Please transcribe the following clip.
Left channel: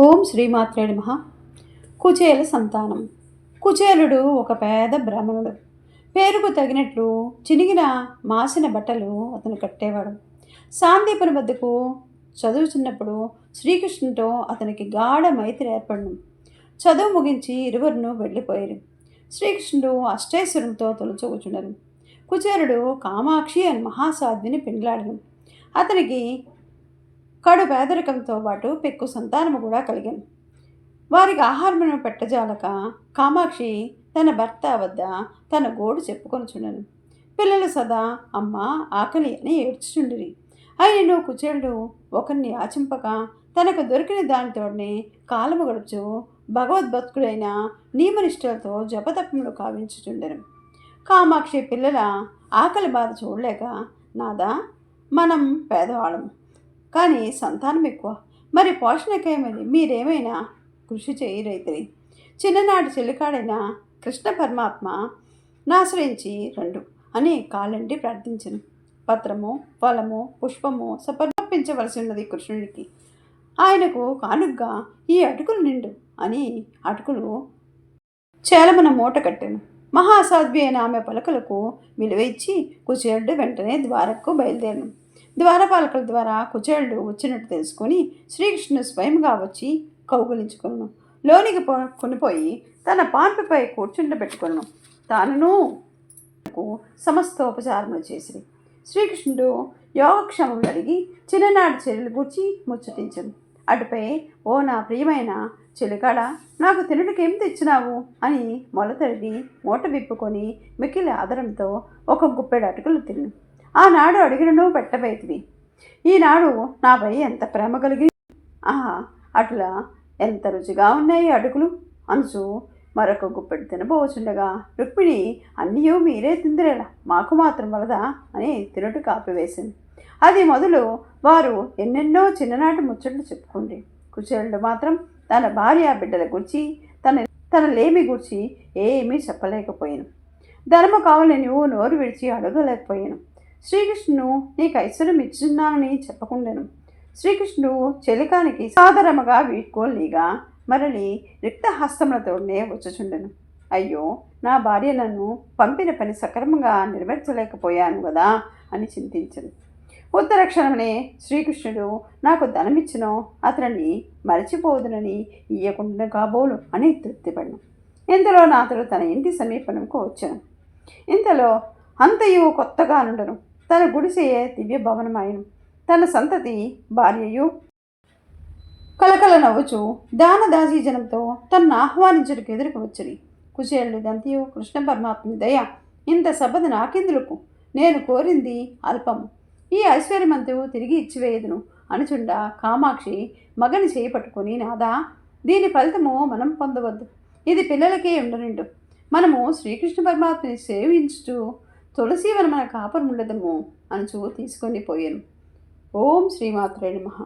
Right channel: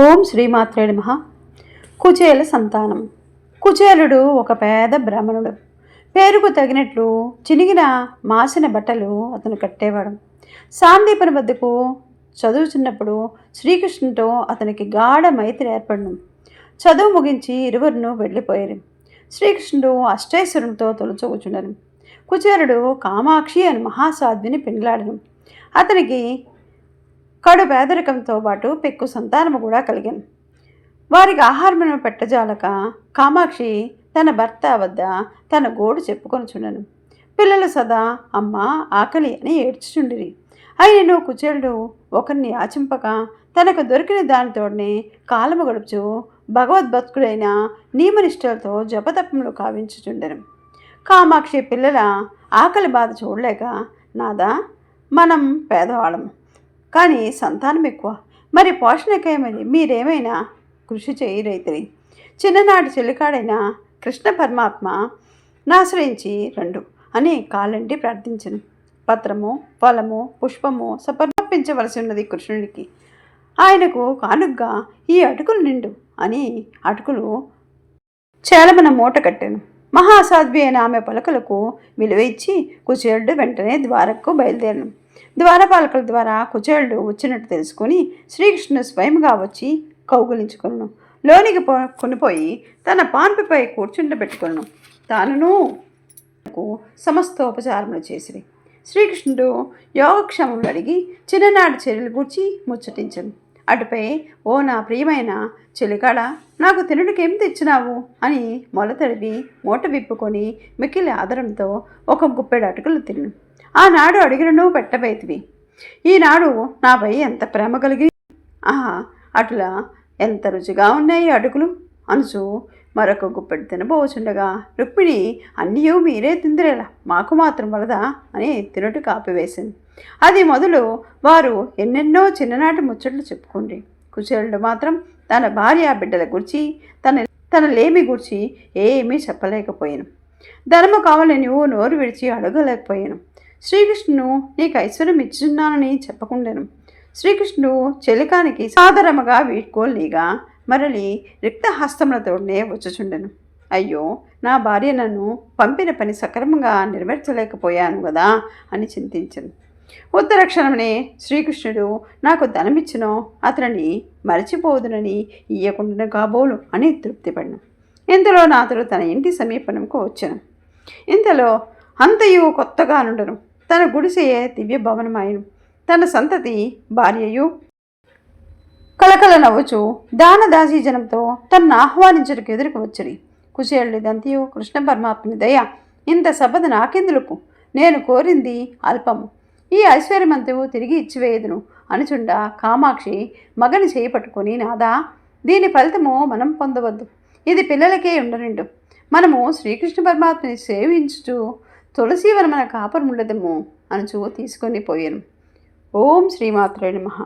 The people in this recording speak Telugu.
ఓం శ్రీమాత్రే నమః. కుచేల సంతానం. కుచేలుడు ఒక పేద బ్రాహ్మణుడు. పేరుకు తగినట్లు చినిగిన మాసిన బట్టలు అతను కట్టేవాడు. సాందీపని వద్దకు చదువుచున్నప్పుడు శ్రీకృష్ణుతో అతనికి గాఢ మైత్రి ఏర్పడను. చదువు ముగించి ఇరువురును వెళ్ళిపోయారు. శ్రీకృష్ణుడు అష్టైశ్వరునితో తొలచూచుండను. కుచేలుడు కామాక్షి అని మహాసాధ్విని పెండ్లాడను. అతనికి కడు పేదరికంతో పాటు పెక్కు సంతానము కూడా కలిగాను. వారికి ఆహారమును పెట్టజాలక కామాక్షి తన భర్త వద్ద తన గోడు చెప్పుకొనుచుండెను. పిల్లలు సదా అమ్మ ఆకలి అని ఏడ్చుచుండిరి. అయినను కుచేలుడు ఒకరిని యాచింపక తనకు దొరికిన దానితోనే కాలము గడుపుచు భగవద్భక్తుడైన నియమనిష్టలతో జపతపములు కావించుచుండెను. కామాక్షి పిల్లల ఆకలి బాధ చూడలేక, నాదా, మనం పేదవాళ్ళము కానీ సంతానం ఎక్కువ, మరి పోషణకేమని మీరేమైనా కృషి చేయరైతిరి. చిన్ననాటి చెల్లికాడైన కృష్ణ పరమాత్మ నాశ్రయించి రండు అని కాలండి ప్రార్థించను. పత్రము, ఫలము, పుష్పము సమర్పించవలసి ఉన్నది కృష్ణుడికి. ఆయనకు కానుగ్గా ఈ అటుకులు నిండు అని అటుకులు చేలమన మూట కట్టాను. మహాసాధ్వి అయిన ఆమె పలకలకు విలువ ఇచ్చి కుచేలుడు వెంటనే ద్వారకు బయలుదేరను. ద్వారపాలకుల ద్వారా కుచేలుడు వచ్చినట్టు తెలుసుకొని శ్రీకృష్ణుడు స్వయంగా వచ్చి కౌగులించుకొను. లోనికి కొనిపోయి తన పాన్పుపై కూర్చుండబెట్టుకొను. తానును సమస్తోపచారములు చేసిరి. శ్రీకృష్ణుడు యోగక్షేమములు అడిగి చిన్ననాటి చర్యలు గూర్చి ముచ్చటించను. అటుపై, ఓ నా ప్రియమైన చెలికాడ, నాకు తినుడికి ఏం తెచ్చినావు అని మొలతడివి మూట విప్పుకొని మిక్కిలి ఆదరంతో ఒక గుప్పెడు అటుకులు తిను. ఆనాడు అడిగినను పెట్టబోయేతివి. ఈనాడు నాపై ఎంత ప్రేమ కలిగి, ఆహా, అట్లా ఎంత రుచిగా ఉన్నాయి అటుకులు అనుచు మరొక గుప్పెడు తినబోచుండగా రుక్మిణి, అన్నీయూ మీరే తిందిరేలా, మాకు మాత్రం వలదా అని తినుటి కాపివేసింది. అది మొదలు వారు ఎన్నెన్నో చిన్ననాటి ముచ్చట్లు చెప్పుకుండ్రి. కుచేలుడు మాత్రం తన భార్య బిడ్డల గురించి తన లేమి గురించి ఏమీ చెప్పలేకపోయాను. ధనము కావాలని నువ్వు నోరు విడిచి అడగలేకపోయాను. శ్రీకృష్ణుడు నీకు ఐశ్వర్యం ఇచ్చున్నానని చెప్పకుండాను. శ్రీకృష్ణుడు చెలికానికి సాదరముగా వీడ్కోలిగా మరలి రిక్తహస్తములతోనే వచ్చుచుండెను. అయ్యో, నా భార్య నన్ను పంపిన పని సక్రమంగా నెరవేర్చలేకపోయాను కదా అని చింతించను. ఉత్తరక్షణమే శ్రీకృష్ణుడు నాకు ధనమిచ్చునో అతనిని మరచిపోదునని ఇయ్యకుండా కాబోలు అని తృప్తిపడను. ఇంతలో నాతడు తన ఇంటి సమీపంకు వచ్చాను. ఇంతలో అంతయు కొత్తగా నుండను. తన గుడిసెయే దివ్య భవనమాయను. తన సంతతి భార్యయు కలకల నవ్వుచు దానదాసీ జనంతో తనను ఆహ్వానించడానికి ఎదురుకు వచ్చిరి. కుచేలుడిదంతయు కృష్ణ పరమాత్మని దయ. ఇంత సభద నాకెందులకు, నేను కోరింది అల్పము, ఈ ఐశ్వర్యమంతయు తిరిగి ఇచ్చివేయదును అనుచుండ కామాక్షి మగని చేపట్టుకొని, నాదా, దీని ఫలితము మనం పొందవద్దు, ఇది పిల్లలకే ఉండనిండు. మనము శ్రీకృష్ణ పరమాత్మని సేవించుచు తులసీవనమన కాపురముండదము అనుచు తీసుకొని పోయాను. ఓం శ్రీమాత్రే నమః.